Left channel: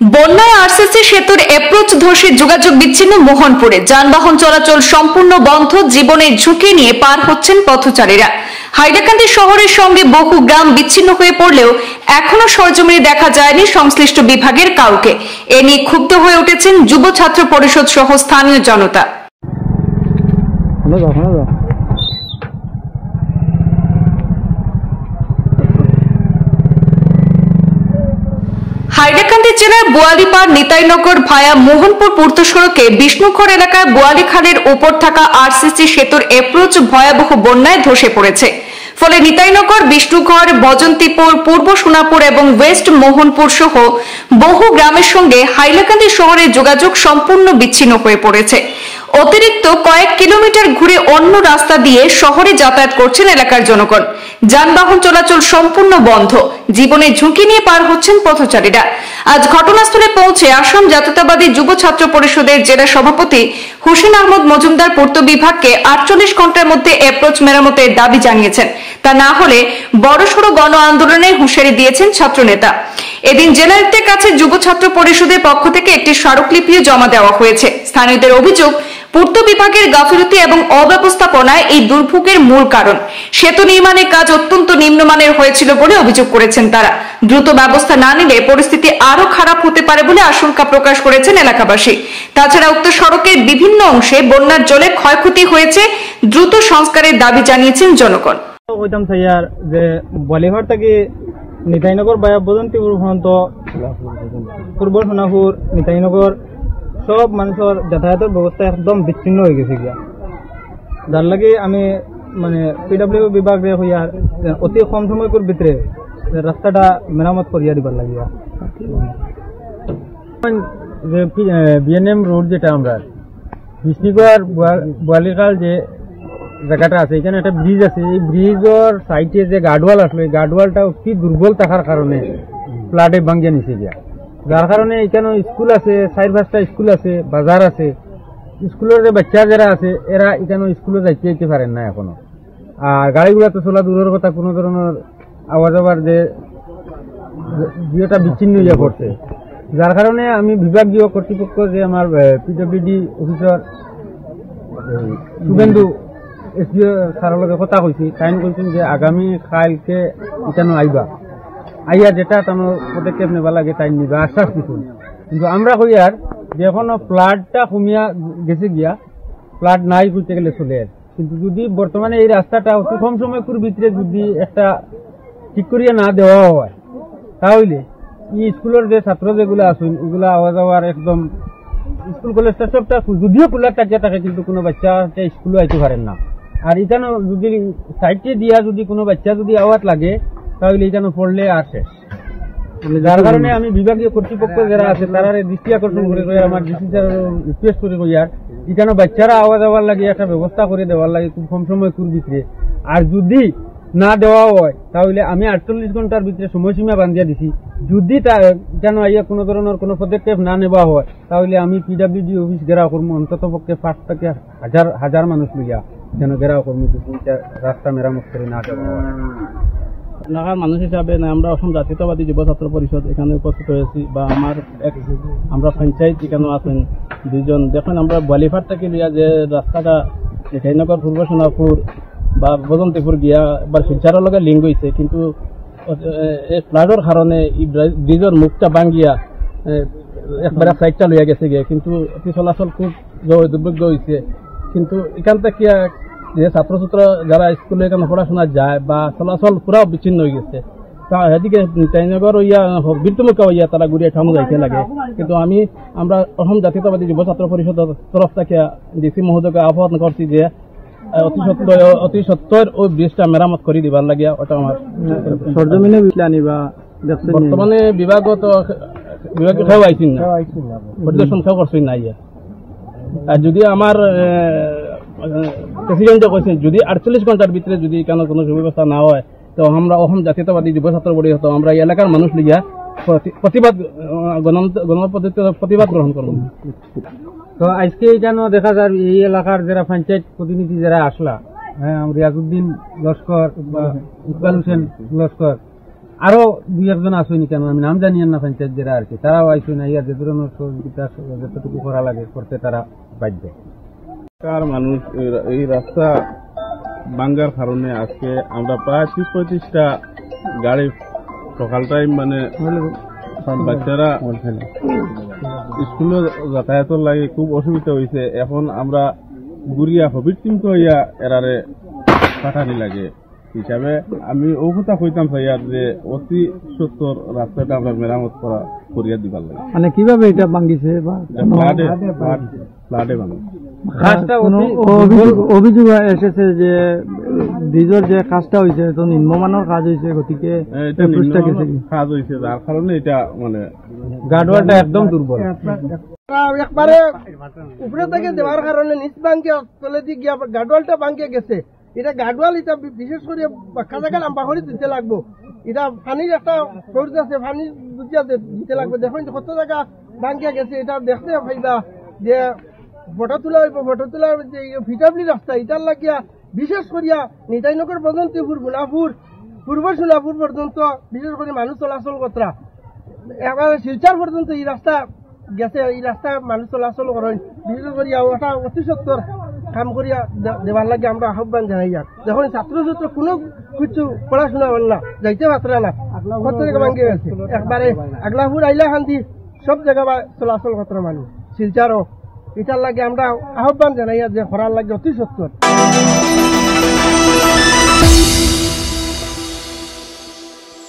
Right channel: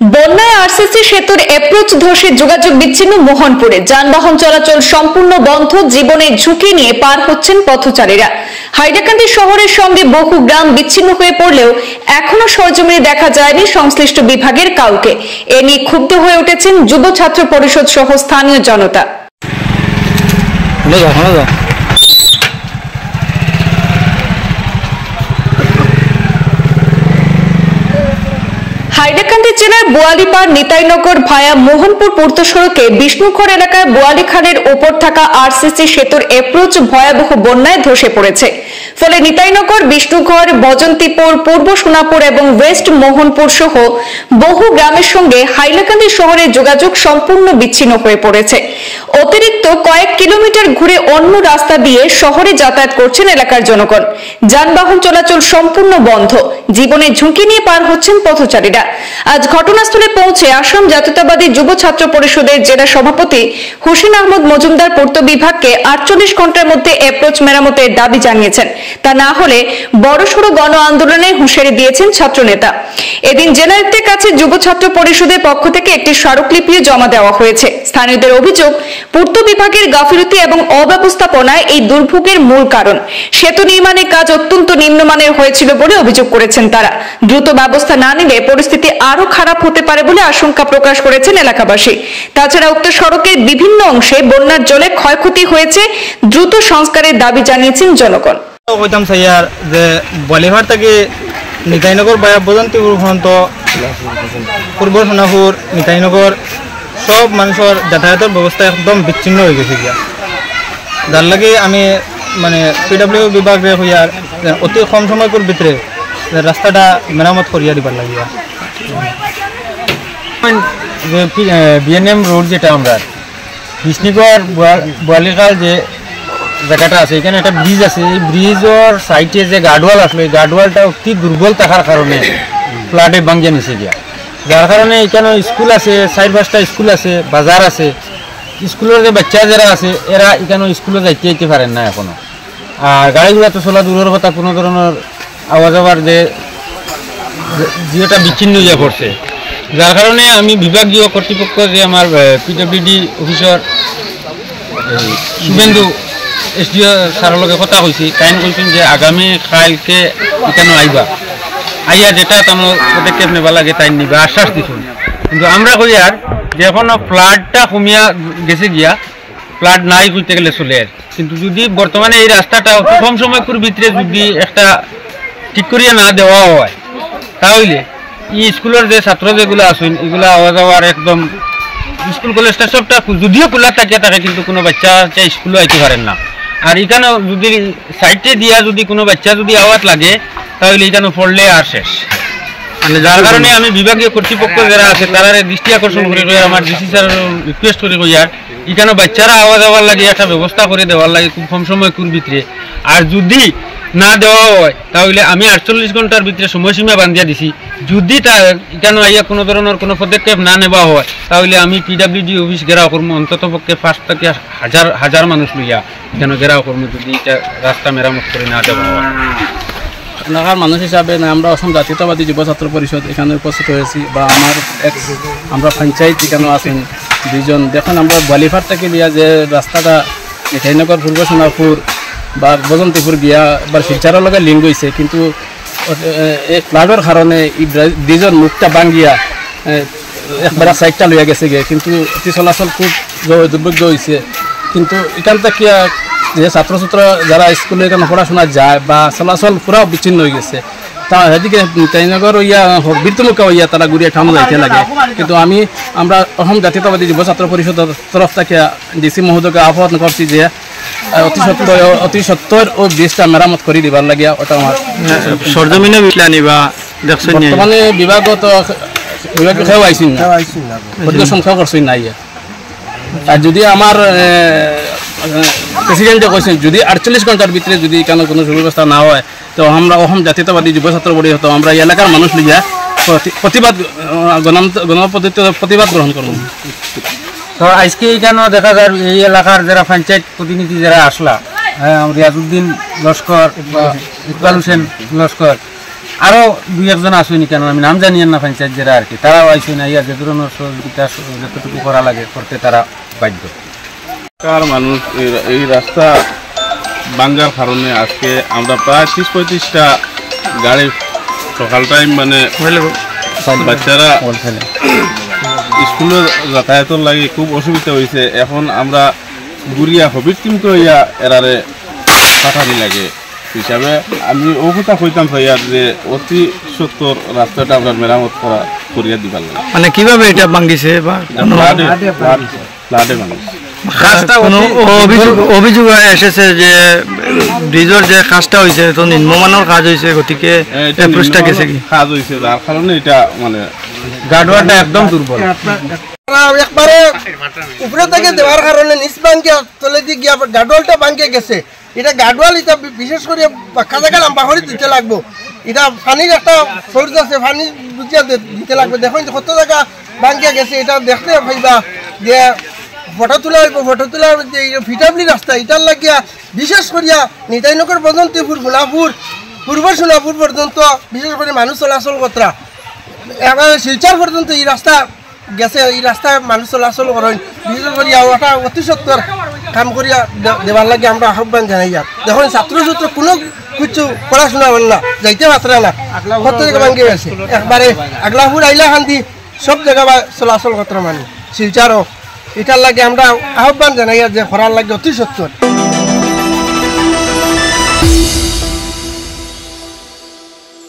বন্যায় আরসিসি সেতুর এপ্রোচ ধসে যোগাযোগ বিচ্ছিন্ন মোহনপুরে যানবাহন চলাচল সম্পূর্ণ বন্ধ। জীবনের ঝুঁকি নিয়ে পার হচ্ছেন পথচারীরা। হাইলাকান্দি শহরের সঙ্গে বহু গ্রাম বিচ্ছিন্ন হয়ে পড়লেও এখনো সরেজমিনে দেখা যায়নি সংশ্লিষ্ট বিভাগের কাউকে। এ নিয়ে ক্ষুব্ধ হয়ে উঠেছেন যুব ছাত্র পরিষদ সহ স্থানীয় জনতা। হাইলাকান্দি জেলার বোয়ালিপাড় নিতাইনগর ভায়া মোহনপুর পূর্ত সড়কে বিষ্ণুখর এলাকায় বোয়ালিখালের ওপর থাকা আরসিসি সেতুর এপ্রোচ ভয়াবহ বন্যায় ধসে পড়েছে। ফলে নিতাইনগর, বিষ্ণুঘর, বজন্তিপুর, পূর্ব সোনাপুর এবং ওয়েস্ট মোহনপুর সহ বহু গ্রামের সঙ্গে হাইলাকান্দি শহরের যোগাযোগ সম্পূর্ণ বিচ্ছিন্ন হয়ে পড়েছে। অতিরিক্ত কয়েক কিলোমিটার ঘুরে অন্য রাস্তা দিয়ে শহরে যাতায়াত করছেন এলাকার জনগণ। যানবাহন চলাচল সম্পূর্ণ বন্ধ। জীবনের ঝুঁকি নিয়ে পার হচ্ছেন পথচারীরা। আজ ঘটনাস্থলে পৌঁছে আসাম জাতীয়তাবাদী যুব ছাত্র পরিষদের জেলা সভাপতি হুসেন আহমদ মজুমদার পূর্ত বিভাগকে 48 ঘন্টার মধ্যে অ্যাপ্রোচ মেরামতের দাবি জানিয়েছেন। তা না হলে বড়সড় গণ আন্দোলনের হুঁশিয়ারি দিয়েছেন ছাত্রনেতা। এদিন জেলায়ুক্তের কাছে যুব ছাত্র পরিষদের পক্ষ থেকে একটি স্মারকলিপিও জমা দেওয়া হয়েছে। স্থানীয়দের অভিযোগ, পূর্ত বিভাগের গাফিলতি এবং অব্যবস্থাপনায় এই দুর্ভোগের মূল কারণ। সেতু নির্মাণের কাজ অত্যন্ত নিম্নমানের হয়েছিল বলে অভিযোগ করেছেন তারা। দ্রুত ব্যবস্থা না নিলে পরিস্থিতি আরো খারাপ হতে পারে বলে আশঙ্কা প্রকাশ করেছেন এলাকাবাসী। তাছাড়া উক্ত সড়কের বিভিন্ন অংশে বন্যার জলে ক্ষয়ক্ষতি হয়েছে। দ্রুত সংস্কারের দাবি জানিয়েছেন জনগণ। কইতাম স্যার যে বলিহাট থেকে নিতাইনগর বা বজন্তিপুর পর্যন্ত পূর্ব সোনাপুর নিতাইনগর সব মানুষের যাতায়াতের ব্যবস্থা একদম বিচ্ছিন্ন হয়ে গেছে গিয়া। যার লাগে আমি মানে পিডব্লিউ বিভাগে হইয়ার অতি কম সময়র ভিতরে রাস্তাটা মেরামত করিয়া দিবার লাগিয়া। যে বিএনএম রোড যেটা আমরা বিষ্ণুগড় বোয়ালিখাল যে জায়গাটা আছে, এখানে একটা ব্রিজ আছে। এই ব্রিজের সাইডে যে গার্ডওয়াল আসলো, এই গার্ডওয়ালটা অতি দুর্বল থাকার কারণে ফ্লাডে ভাঙ্গিয়া নিচে গিয়া। যার কারণে এখানে স্কুল আছে, 4-5টা স্কুল আছে, বাজার আছে। স্কুলের যে বাচ্চা যারা আছে এরা এখানে স্কুলে যাইতে পারেন না এখনো। আর গাড়ি ঘোড়া তো চলা দূরের কথা, কোনো ধরনের আওয়াজ আওয়ার যেটা বিচ্ছিন্ন হইয়া পড়ছে। যার কারণে আমি বিভাগীয় কর্তৃপক্ষ যে আমার পিডব্লিউডি অফিসর শুভেন্দু এসডিও স্যারের লগে কথা কইছি, তাই কইছেন যে আগামী কালকে এখানে আইবা, আইয়া যেটা তেমন পদক্ষেপ নেবা লাগে তাই নিবা, আশ্বাস দিচ্ছেন। কিন্তু আমরা কই আর যে এখনো ফ্লাডটা কমিয়া গেছে গিয়া, ফ্লাড নাই কইতে গেলে চলে আর। কিন্তু যদি বর্তমানে এই রাস্তাটা কম সময়ের ভিতরে যদি একটা ঠিক করিয়া না দেওয়া হয়, তাহলে ই স্কুলের যে ছাত্র যেগুলো আছেন এগুলা আওয়া যাওয়ার একদম, স্কুল কলেজটা সবটা যদিও খোলা থাকিয়া থাকে কিন্তু কোনো বাচ্চা স্কুলে আইতে পারেন না। আর এখানে যদি সাইডে দিয়া যদি কোনো বাচ্চা যদি আওয়াজ লাগে তাহলে এখানে পড়লে আর শেষ। যার কারণে আমি বিভাগীয় কর্তৃপক্ষ যারা আছে তারা দৃষ্টি আকর্ষণ করে আমার ডিসি স্যার রিকোয়েস্ট করে আর এখানে বাচ্চারা আওয়াজ দেওয়ার লাগে একটা ব্যবস্থা করে দেওয়ার লাগে খুব কম সময় ভিতরে। আর যদি না দেওয়া হয় তাহলে আমি 48 ঘন্টার ভিতরে সময়সীমা বান্ধিয়া দিছি। যদি তা এখানে আইয়া কোনো ধরনের কোনো পদক্ষেপ না নেওয়া হয় তাহলে আমি পিডব্লিউডি অফিস ঘেরাও করবো, অন্তত পক্ষে 5 থেকে হাজার মানুষ লইয়া এখানে ঘেরাও করবো যদি এটা রাস্তা মেরামত করে না দেওয়া হয়। এলাকার মানুষ হিসাবে আমরা অসম জাতীয়তাবাদী যুব ছাত্র পরিষদ এখানে উপস্থিত হয়েছি, বা আমরা পঞ্চায়েত এখানে আছেন 2 জন। দেখুন আমরা বলিহাট থেকে দিয়া যে রাস্তাটা নিতাইনগর, পূর্ব সোনাপুর বা বজন্তিপুর গিয়া এবার শিলচারের লগে লিঙ্ক হয়েছে, কিন্তু এই ফ্লাডের কারণে এই ব্রিজের মুখটা ভাঙ্গিয়া একবার সাইডটা লইয়া গেছে গিয়ে, কিন্তু অতি চলাচল খুব দুর্ভাগ্য হয়েছে। কিন্তু এখান থেকে যে ছাত্রছাত্র যারা স্কুলে এখানে পড়াশোনা যায় বা চলাচল পুরাও বিচ্ছিন্ন হয়ে গেছে। তা এদিকে নিতাইনগর হইয়া বীরতুমুখা হইয়া তারা ঘুরিয়ে ঠানো যাইতে লাগে। কিন্তু আমরা অসম জাতীয়তাবাদী যুব ছাত্র পরিষদের তরফ থেকে ডিসি মহোদয়কে আহ্বান করছি যে অতি সত্তর ও ব্রিজটা মেরামত করে দিবার লাগিয়া। ওটা আমার সরজমিনে নিবা দেখছেন। বর্তমানে বিভাগত বিভাগে খেয়েও আইসিন না, পরিদর্শন খেয়েও করছেন না। আর যদি আমার প্রেসিডেন্টে কৈছেন যদি 48 ঘন্টার ভিতরে যদি কেন কোনো সুব্যবস্থা না হয় তো আমরা অসম জাতীয়তাবাদী যুব ছাত্র পরিষদ আমরা এই এলাকার মানুষ লিয়া প্রতিবাদ গণপদ্ধতিতে প্রতিবাদ গ্রহণ করব। তো আজকে এখানে দেখা যায় এই এলাকার যারা পঞ্চায়েত প্রতিনিধি যারা আসলা, রিয়াজউদ্দিন লস্কর বা ইকবাল হোসেন লস্কর, আরও দুই একজন আসুনি কেন আমি নাম জানি না পঞ্চায়েত যারা আর কি তারাও আইসি না ইয়া যে ধরনের সহযোগিতা যতটুকু করা লাগে করতে তারা বাধ্য। কার মানুষ এই রাস্তা ভাঙ্গার কারণে আজকে আমরা প্রায় 30-35টা গাড়ি সকাল টাইম মানে বাচ্চারা স্কুলে যাতায়াতের লাগে খুব অসুবিধা হয়েছে। এখন আমরা গুড়িয়া হবির কিন্তু ইয়া এরারে পাঠানি লাগে হিসাবে আমি ও কথা কইতাম ভাইয়ার যে অতি সত্তর রাস্তাটা আমরা মেরামত করিয়া দিবার লাগে। মানে কিভাবে এটা ভাঙ্গিছে বা ফ্লাডে মানুষ অভিযোগ এসেছে যে ব্রিজের যে কাজটা হয়েছে তো নিম্নমানের কাজ হয়েছে, গতিকে গেছে কি কাজ হয়েছে যার কারণে এটা মানে গার্ডওয়ালটা একদম দুর্বল। একবারে উপরে থেকে দেওয়ার কারণে নিচ বাঙ্কিয়া তলে দিয়ে গিয়া গার্ডওয়ালটা বাঙ্কিয়ে গেছে। এটা গার্ডওয়াল এটা বিশেষ করে পাখা জায়গা লম্বা করে দিতে লাগবো। এটা পানির একটা সোর্স আছে, পানি বুঝিয়া দিতে লাগবে। দেখুন কত জায়গা বাঙ্কিয়া গেছে, এটা দেখতে পাইবা যে ফটো তোলা হইব। ফটো তোলার যে ভিটাবলি রাস্তা এটার লাগিয়া বিশেষ করিয়া নিতাইনগর পর্যন্ত সোনাপুর পূর্ব সোনাপুর পর্যন্ত বিশেষ করে মানুষ চলাচল কতরা এবার শিলচর পর্যন্ত এই রাস্তা গেছে। এই রাস্তায় মানুষ চলাচল করেন বিশেষ করিয়া ওটা অতি সত্তর কাম করিয়া দেওয়ার লাগে আমরা আহ্বান জানাই। দেখুন ছাত্র কোনো কিছু পড়াশোনা হল না, যাইতে পাত্রা না, কত জায়গা ভাঙ্গি গেছে। একবারে আগলাপুর আইলা খান্দি সব জায়গা চলাচল কতরা মানুষ শিলচারও এটার লাগে আমরা আহ্বান জানাই যে করার লাগে অতি সত্তর।